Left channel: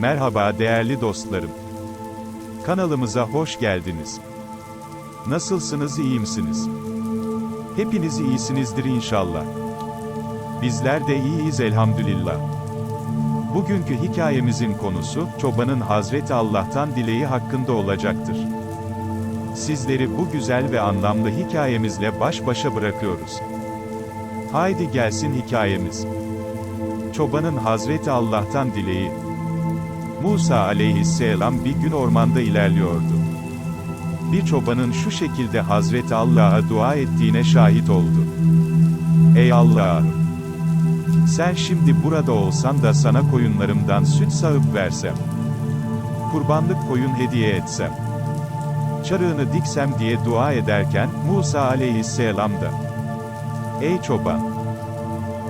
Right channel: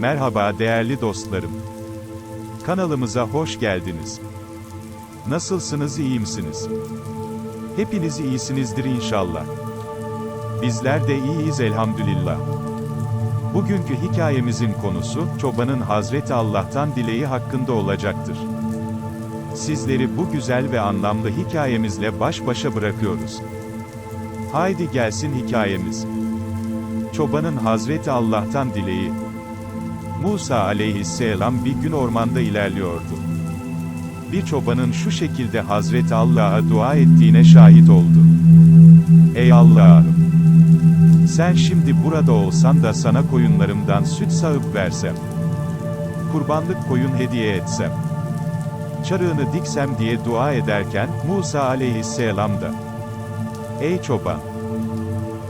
Merhaba değerli dostlarım. Kanalımıza hoş geldiniz. Nasılsınız, iyi misiniz? Hepiniz iyisinizdir inşallah. Bizler de iyiyiz elhamdülillah. Bugünkü hikayemizin konusu, çobanın Hazreti Allah'tan dileği hakkında olacaktır. Sizleri bu güzel ve anlamlı hikayemizle baş başa bırakıyoruz. Haydi gelsin hikayemiz. Çobanın Hazreti Allah'tan dileği. Musa aleyhisselam bir gün ormanda ilerliyordu. Bir çobanın şu şekilde Hazreti Allah'a dua ettiğine şahit oldu. Ey Allah'ım! Sen şimdi burada olsan da sana koyunlarımdan süt sağıp versem. Kurbanlık koyun hediye etsem. Çarığını diksem diye dua ederken, Musa aleyhisselam da. Ey çoban!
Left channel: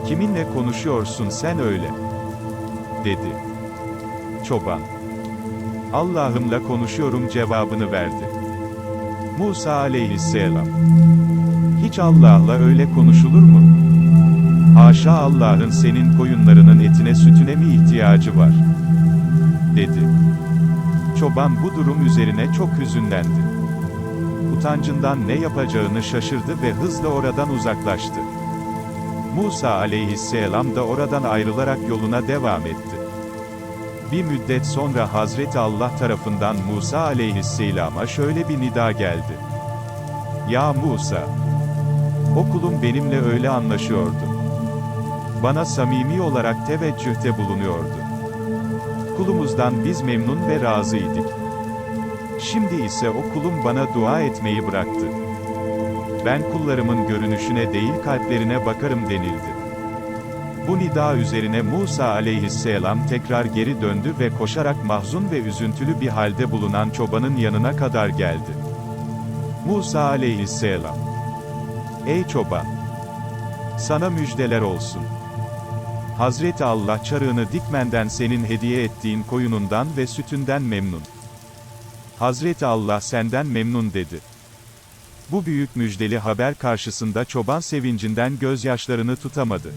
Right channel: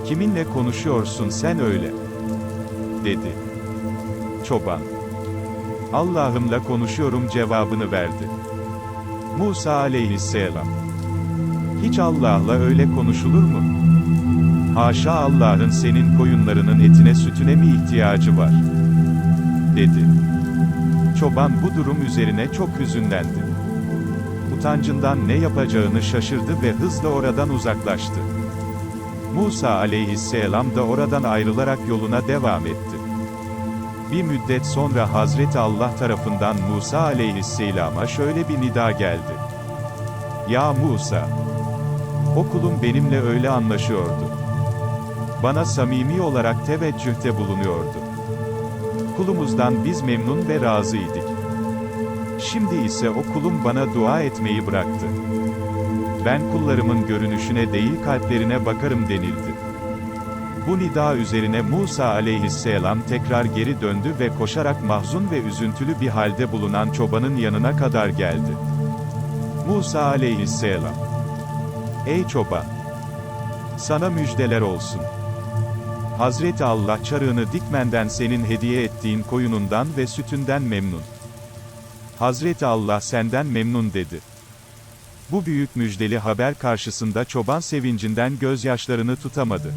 Kiminle konuşuyorsun sen öyle? Dedi. Çoban. Allah'ımla konuşuyorum cevabını verdi. Musa aleyhisselam. Hiç Allah'la öyle konuşulur mu? Haşa Allah'ın senin koyunlarının etine sütüne mi ihtiyacı var? Dedi. Çoban bu durum üzerine çok hüzünlendi. Utancından ne yapacağını şaşırdı ve hızla oradan uzaklaştı. Musa aleyhisselam da oradan ayrılarak yoluna devam etti. Bir müddet sonra Hazreti Allah tarafından Musa aleyhisselama şöyle bir nida geldi. Ya Musa! O kulum benimle öyle anlaşıyordu. Bana samimi olarak teveccühte bulunuyordu. Kulumuzdan biz memnun ve razıydık. Şimdi ise o kulum bana dua etmeyi bıraktı. Ben kullarımın görünüşüne değil kalplerine bakarım denildi. Bu nida üzerine Musa aleyhisselam tekrar geri döndü ve koşarak mahzun ve üzüntülü bir halde bulunan çobanın yanına kadar geldi. Musa aleyhisselam. Ey çoban! Sana müjdeler olsun. Hazreti Allah çarığını dikmenden senin hediye ettiğin koyunundan ve sütünden memnun. Hazreti Allah senden memnun dedi. Bu büyük müjdeli haber karşısında çoban sevincinden gözyaşlarını tutamadı.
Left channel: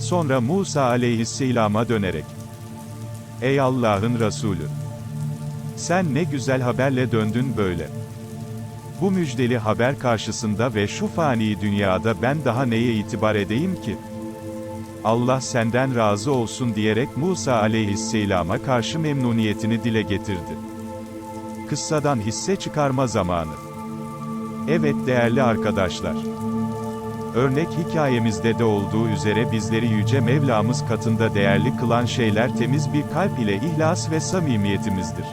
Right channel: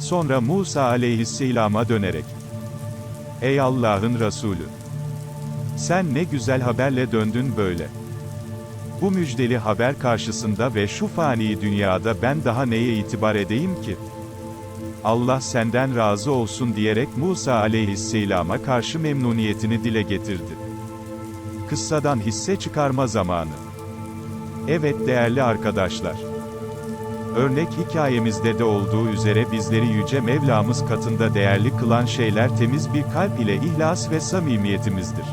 Sonra Musa aleyhisselama dönerek, Ey Allah'ın Resulü! Sen ne güzel haberle döndün böyle. Bu müjdeli haber karşısında ve şu fani dünyada ben daha neye itibar edeyim ki? Allah senden razı olsun diyerek Musa aleyhisselama karşı memnuniyetini dile getirdi. Kıssadan hisse çıkarma zamanı. Evet değerli arkadaşlar. Örnek hikayemizde de olduğu üzere bizleri Yüce Mevlamız katında değerli kılan şeyler temiz bir kalp ile ihlas ve samimiyetimizdir.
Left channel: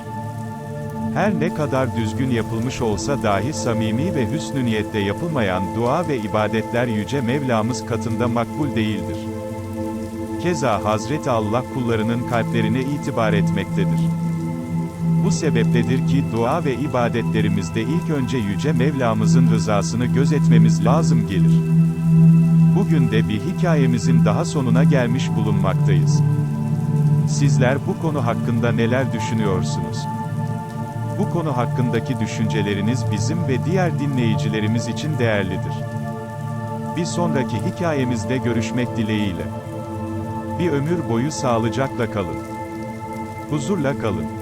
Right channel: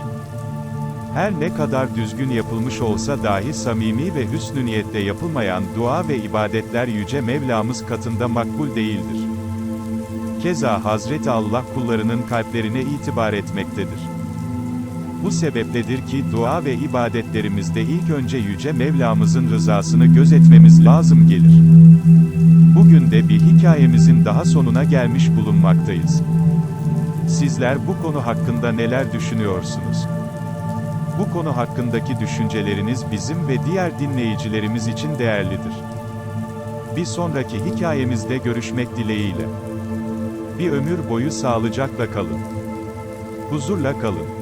Her ne kadar düzgün yapılmış olsa dahi samimi ve hüsnü niyetle yapılmayan dua ve ibadetler Yüce Mevlamız katında makbul değildir. Keza Hazreti Allah kullarının kalplerine itibar etmektedir. Bu sebepledir ki dua ve ibadetlerimizde ilk önce Yüce Mevlamızın rızasını gözetmemiz lazım gelir. Bugün de bir hikayemizin daha sonuna gelmiş bulunmaktayız. Sizler bu konu hakkında neler düşünüyorsunuz? Bu konu hakkındaki düşünceleriniz bizim ve diğer dinleyicilerimiz için değerlidir. Bir sonraki hikayemizde görüşmek dileğiyle. Bir ömür boyu sağlıcakla kalın. Huzurla kalın.